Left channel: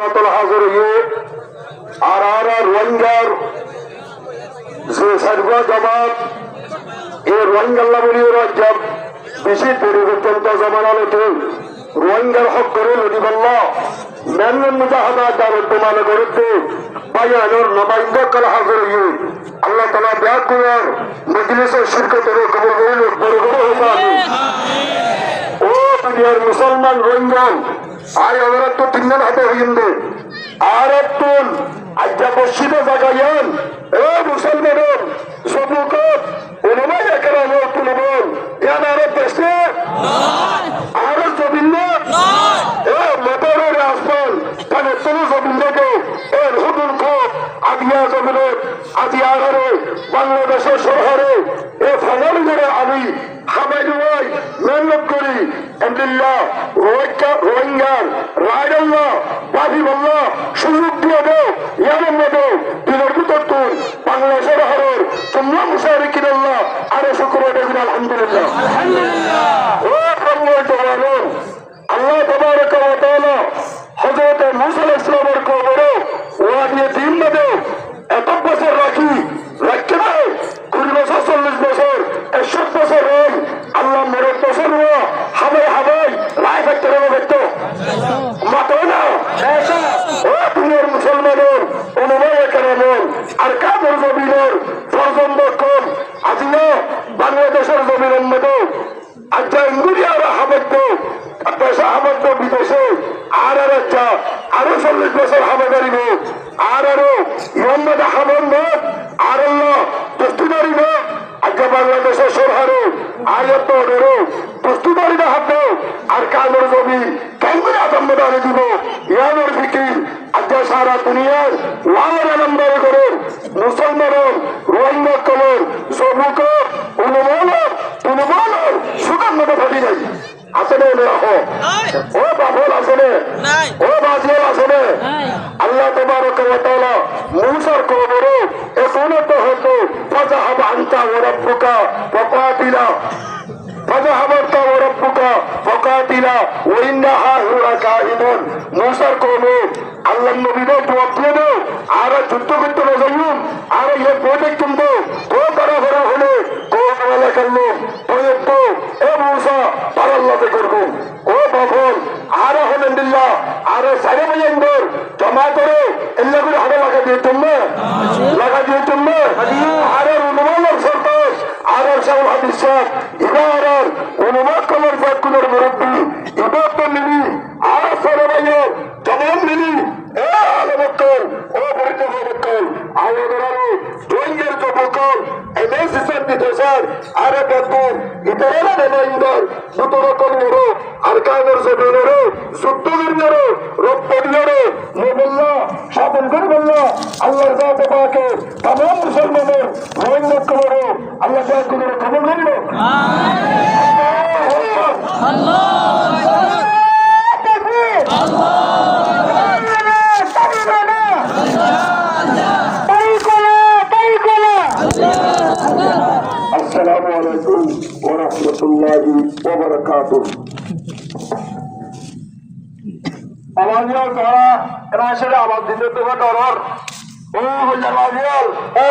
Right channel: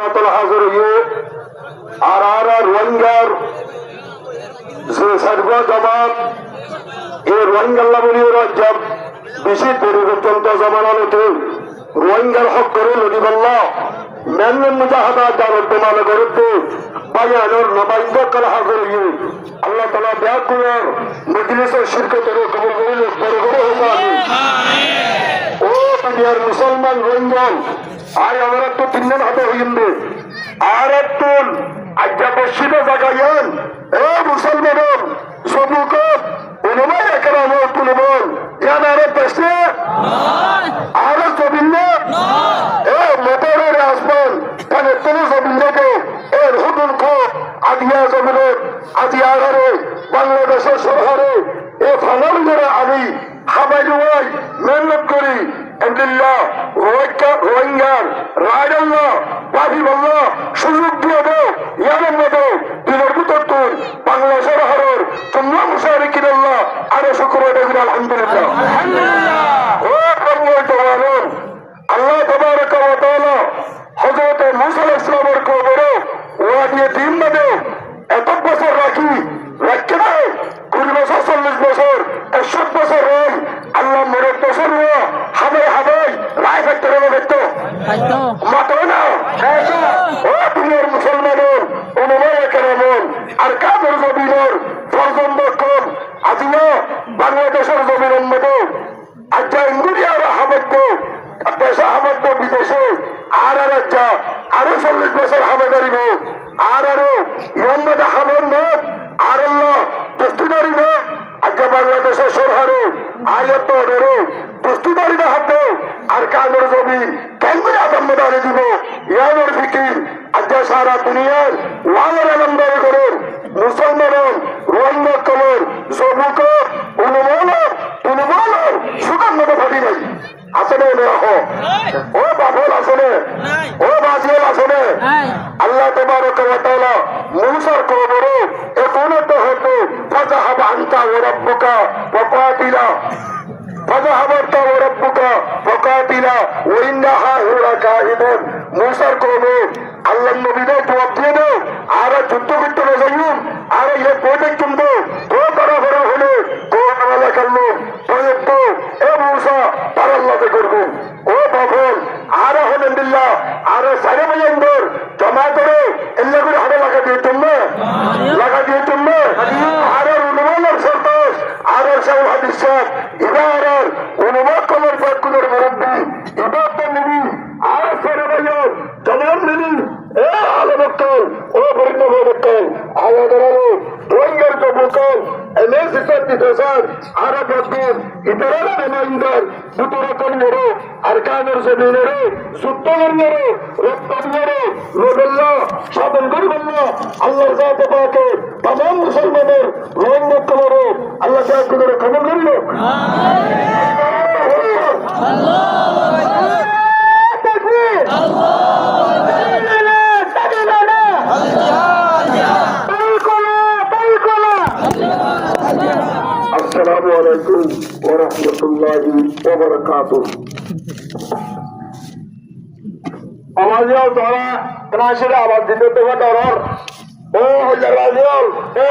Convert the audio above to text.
হাজার আর রোহিঙ্গার যে সার্বা জবাব এই রোহিঙ্গাল্লা বলি রাজ্য বেশি পরিবর্তন জমানাতে রোহিঙ্গার হক করে নদীবাল্লা মেনমেন মুজাহাদা দারত মানে করতে বায়ানোর নবাইন্দকাল হাজার আল্লাহ তাআলা ব্যাকুয়ার মজলিসের শিরকতের কবুল করিল বড় বড় ও দুনিয়ার মুসলমান রোহিঙ্গা আর আমরা তো তিনজন হাতে হইন্দে আর তুল আজ্ঞা বসিত জাগাইন এই মুসলমানের সবুকত এনমাই একরাম তুলবেন ইয়ান আর দেশে আর জবিল্লা এ মোটরের আসবেন কানে তুলে জবিল্লাকে এর হুদুল কো আদিয়া জমিনের আদিয়ারে বাংলাদেশের শহরে এ ফানাল যারা আলী হাবাইলুয়াই মেহনত করি আলহামদুলিল্লাহ রোহিঙ্গার রায়দাল্লাহ বাজিবাল্লাহ সুযোগ দিয়ে দেও ইয়ানের মতো দিনের ভিতর তুল বাংলাদেশের হরর তোমরা মুশারিকিন আল্লাহ আরো শুকর দেবেন আলহামদুলিল্লাহ ও কবুল তোমার আল্লাহ তাবারক ওয়া তাআলা হযরত মুসা আলাইহিস সালামের কবরে ওয়াদিয়ে দিন মধ্যে এত বছর রাখি রাখতে পারে 20 বছর 40 বছর 100 বছর রই আল্লাহ মরে বছর হওয়া হাবে হাবে রায় ফেলতে দেখতো মাত্র না ও দুনিয়ার মুসলমানের অনুভব কেমন আর কাদের জমিনের প্রজন্ম কম আজিয়া বাংলাদেশের জমিনের মতো আজ্ঞা ইন্দুরিয়ার হাবেদ্য দেশে হাবেদ্য বিদেশে আর আজ্ঞা আরো 40 বছর হাবে দাঁড়িব আরো মোহাম্মদ আহমদ আর আল্লাহ দস্তুদারি না আজ্ঞা বাংলাদেশের সরহারে আয়াত ধরো দস্তুদারি না হাত আর কাদের জমি কেন্দ্রে আদম্বদারি দিব ইয়ানোর ফিকির আজ্ঞা সারা দুনিয়ার লালের আলমদারি করে মুসলমানের রোহিঙ্গা কলর সবুক অনুমানর সুগন্ধ ফাটি নাই আসলে রাখো ও বাবল আসলে ও বাজিয়াল আসলে আল্লাহ তাবারক ওয়া তাআলা মুসার কবরে এসনতে হতো ফাযাহাব আনতা ওয়া রাব্বুকা ফাকাতিলা ফাযাহাব আনতা ওয়া রাব্বুকা ফাকাতিলা ওয়া ইন্না হাহুরা কাহিদুন মুসার কবরে আল্লাহ নবীকে জবাব দিয়ে দাও আর যুদ্ধ করতে না যাইুন আর ইয়ে প্রজেক্ট কিনবো ও তারা ঘরে হলে ও আল্লাহ করলো প্রজেক্ট এ মুসা তার আল্লাহকে করবো ও বাবল আর আলহামদুলিল্লাহ আর সাড়ে বাজার জমা করে এল্লা করে হাতে লাগা দিয়ে তুমি আর অনুমানের সন্তোষ আর সাহেব হাদিস সাহেব ইবার অনুমান কলার বাক্যের মুরব্বী ইবার তো নিবি আর সাড়ে বাজার জমান নিবি এ আলমকল ও বরিন্নবকল আয়াদরালো রোহিঙ্গার কবকল এনএসএসের বিদেশার আর বাদবার ইতারারা রেমাইন্দার দুতরকম নরো আর কাগর জমিনরে সুত্তগরনরে রব্বাদিনরে নবিল্লাহ শাবন গরিবুল্লাহ আল্লাহর জাতে পাকে तमाम মুসলমানের রোহিঙ্গা কবরো আল্লাহ পাক করে কবুল করলো আল্লাহ আসসালামু আলাইকুম ওয়া রাহমাতুল্লাহি ওয়া বারাকাতুহু আওয়াজিয়াল তারা ক্রাশে আওয়াজ দিতে তো ডরর ও জাওয়াজিয়াল ও